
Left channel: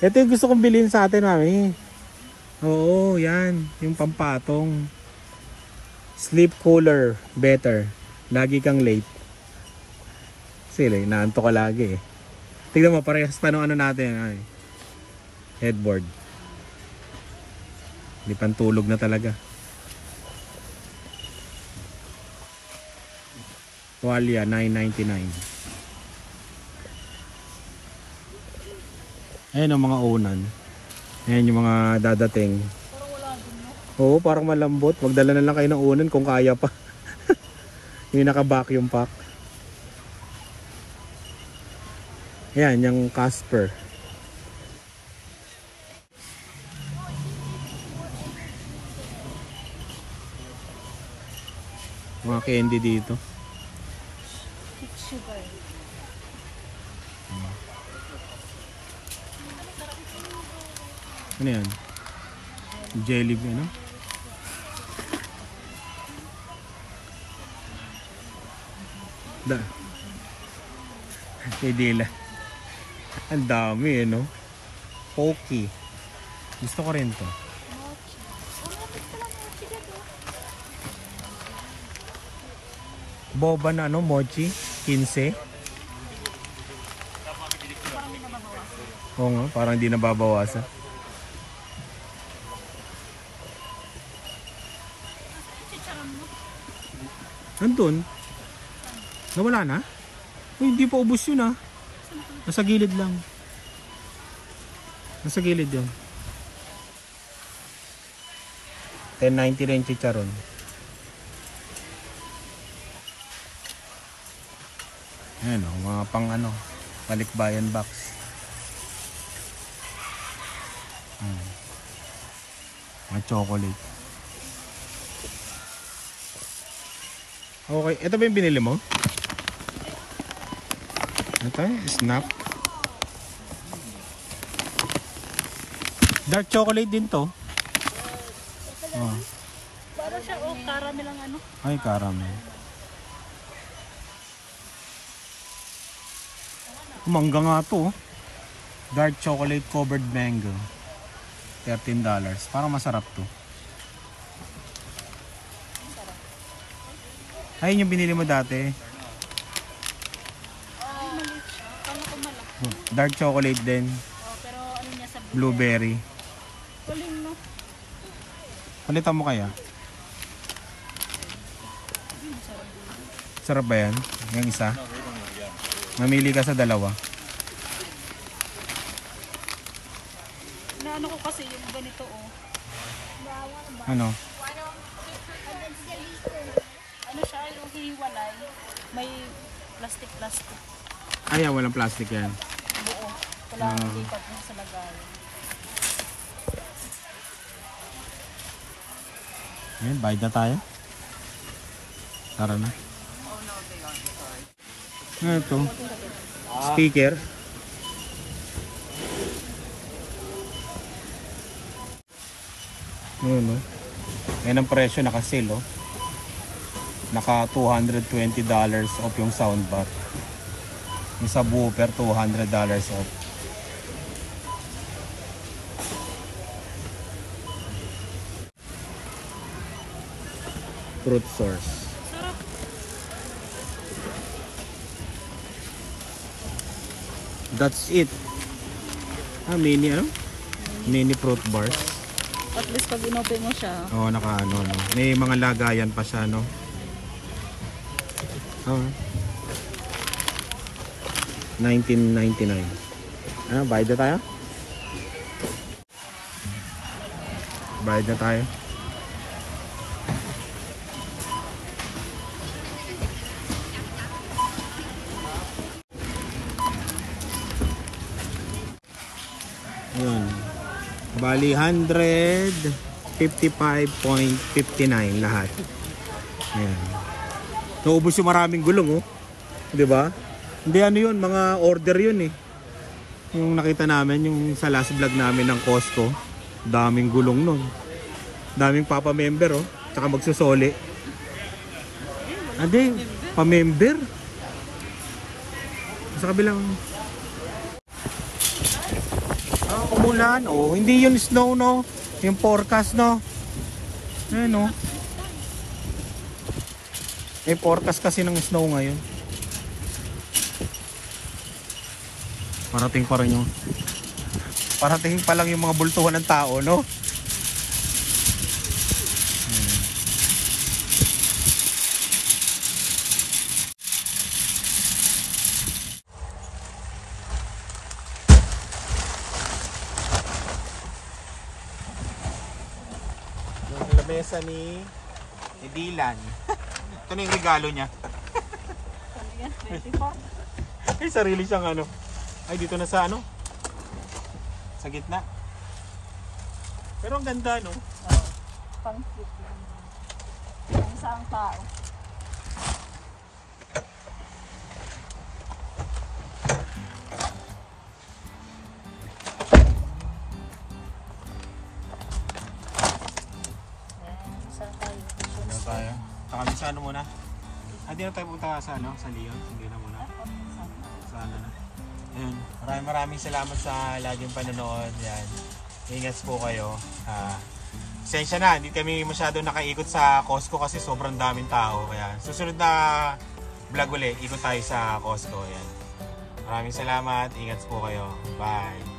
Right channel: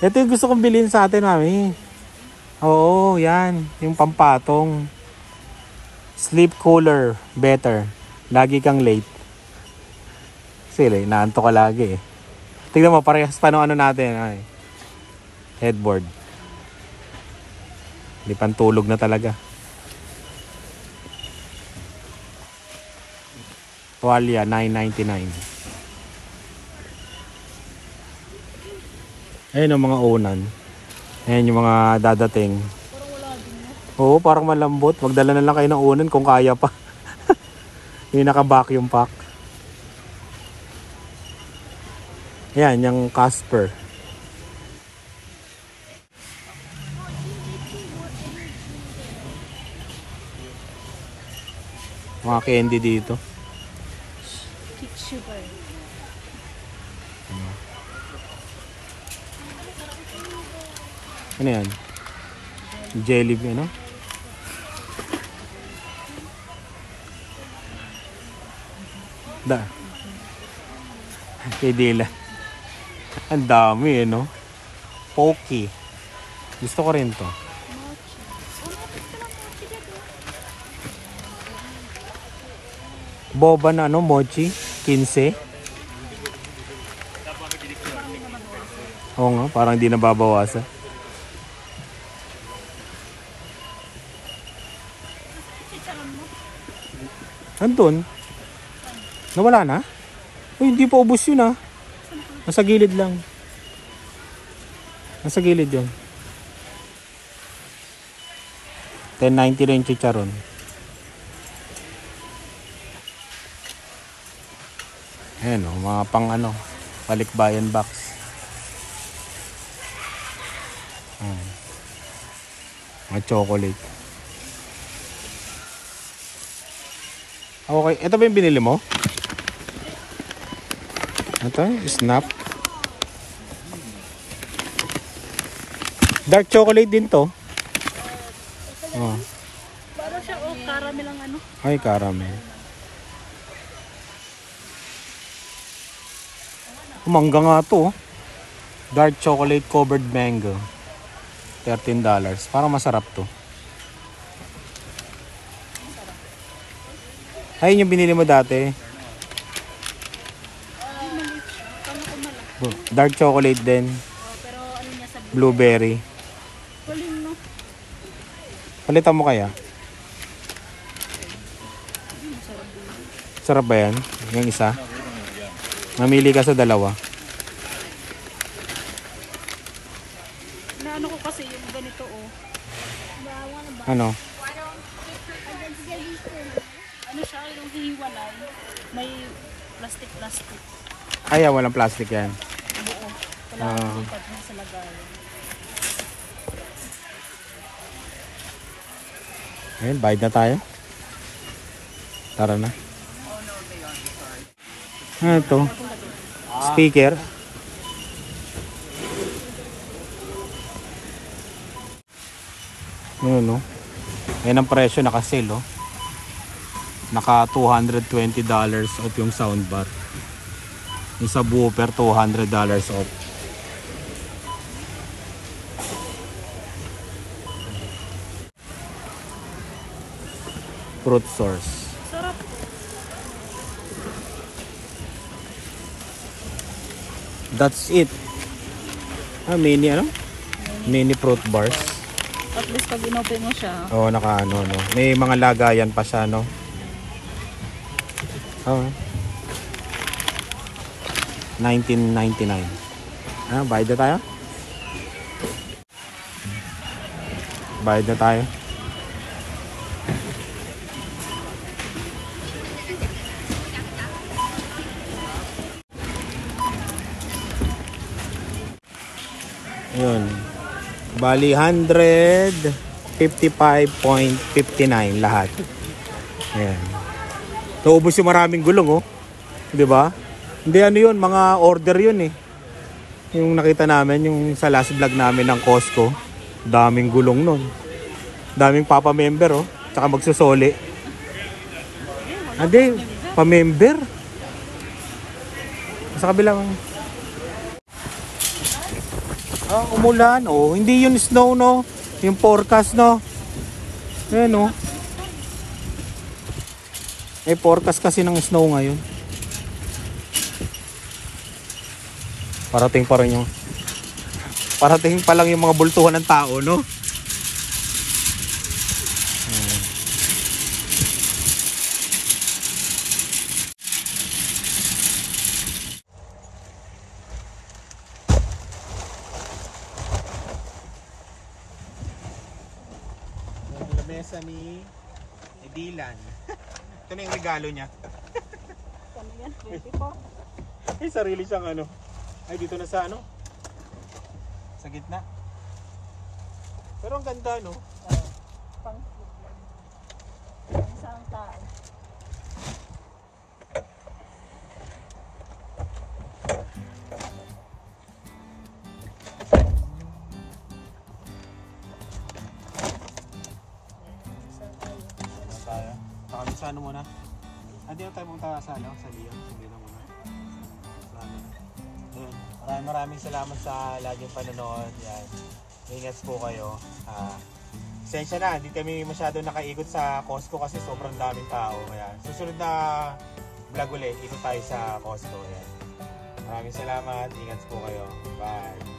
Ito yung gusto kong bilhin sa atin, mami. Oo, yan. Yung pampatong. Sleep cooler. Better. Lagi kang late. Sige, naanto ka lagi eh. Tignan mo, parehas pa nung ano natin. Ay. Headboard. Hindi pantulog na talaga. Tuwalya, $9.99. Ayan ang mga unan. Ayan yung mga dadating. Oo, parang malambot. Magdala na lang kayo ng unan kung kaya pa. Yung naka-vacuum pack. Ayan, yung Casper. Mga candy dito. Super. Ano yan? Jelly, ano? Da. Idila. Ang dami, no? Pocky. Gusto ko rin to. Boba na, ano? Mochi. 15. Oo nga, parang hindi nababawasan. Andun. Nawala na? Uy, hindi pa ubos yun ah. Nasa gilid lang. Nasa gilid yun. 10.90 rin chicharon. Ayan o, mga pang ano, palikbayan box. Ayan. Mga chocolate. Okay, ito ba yung binili mo? Ito, snap. Dark chocolate din to. Oh. Para siya, caramel ang ano. Ay, caramel. Mangga nga to. Dark chocolate covered mango. $13. Parang masarap to. Ayun yung binili mo dati. Dark chocolate din. Pero ano niya sa Blueberry. kuling, no? Palitan mo kaya? Sarap ba yan? Yung isa? Mamili ka sa dalawa. Inaano ko kasi yung ganito, oh. Ano? Ano siya, yung hiwalay. May plastic. Ay, walang plastic yan. Oo. Kailangan itag mo sa lagayan. Ayun, bayad na tayo. Tara na. Ano ito? Speaker. Ano, no? Yan ang presyo, naka-sale, oh. Naka $220 off yung soundbar. Yung subwoofer, $200 off. Fruit source. Sarap. That's it. Ah, mini ano? Mini fruit bars. At least pag inopen mo siya. Oo, naka ano, no. May mga lagayan pa siya, no. Oh. $19.99. Ah, bayad na tayo. Bayad na tayo. Yun. Bali 155.59 lahat. Ayan. Naubos yung maraming gulong, oh. 'Di ba? Hindi ano 'yun, mga order 'yun eh. Yung nakita namin yung sa last vlog namin ng Costco. Daming gulong nun. Daming papa-member, oh. Tsaka magsusoli. Hindi, pa-member. Sa kabilang. Ah, umulan, oh. Hindi yun snow, no? Yung forecast, no? Ayan, oh. May forecast kasi ng snow ngayon. Parating pa rin yung... Parating pa lang yung mga bultuhan ng tao, no? Yung lamesa ni Dylan. Ito na yung regalo niya. Ay, sarili siyang ano. Ay, dito na sa ano? Sa gitna. Pero ang ganda, no? Pang isang tao. Tayo. Nakabit sa ano muna? Hindi na tayo punta sa ano? Sa Leon. Hindi na muna. Sa ano na. Ayan. Maraming salamat sa laging panonood. Yan. Ingat po kayo. Pasensya na, hindi kami masyado nakaikot sa Costco kasi sobrang daming tao. Kaya susunod na vlog ulit, ikot tayo sa Costco. Yan. Maraming salamat. Ingat po kayo. Bye.